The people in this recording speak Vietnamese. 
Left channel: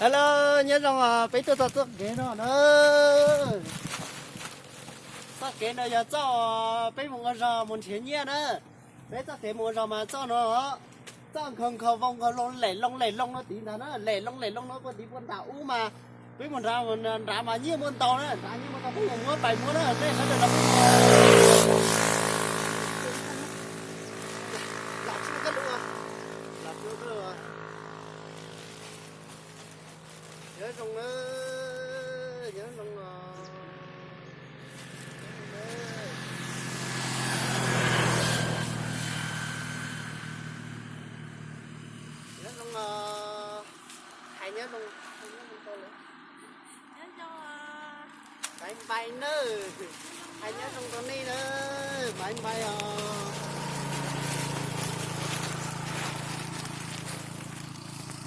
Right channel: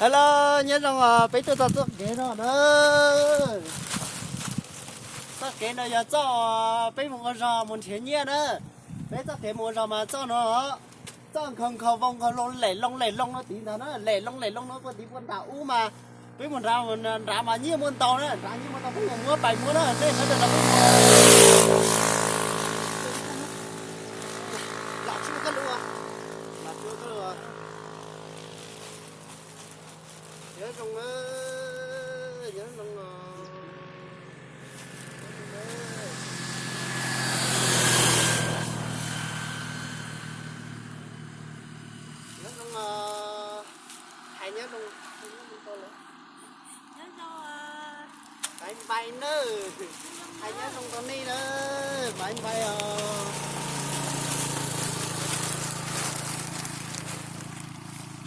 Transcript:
Hello, nhớ rằng bây giờ tôi kế nó nữa. Sao kế nó giờ cho bây một giờ một thiên nhiên nữa. Bây giờ kế một giờ mà cho nó cho không không vòng không lông nó tí nó lẻ lông nó có tí con đảo u mà bây một ra mà như một tàu nữa, ra như một tàu cũng mua bảy mua đó, đây nó được là chưa cân luôn, là chưa cân luôn. Nhớ trong nhớ trong nhớ trong hay nhớ trong tôi nữa anh bay nữa hay nhớ trong con đi nữa mà anh bay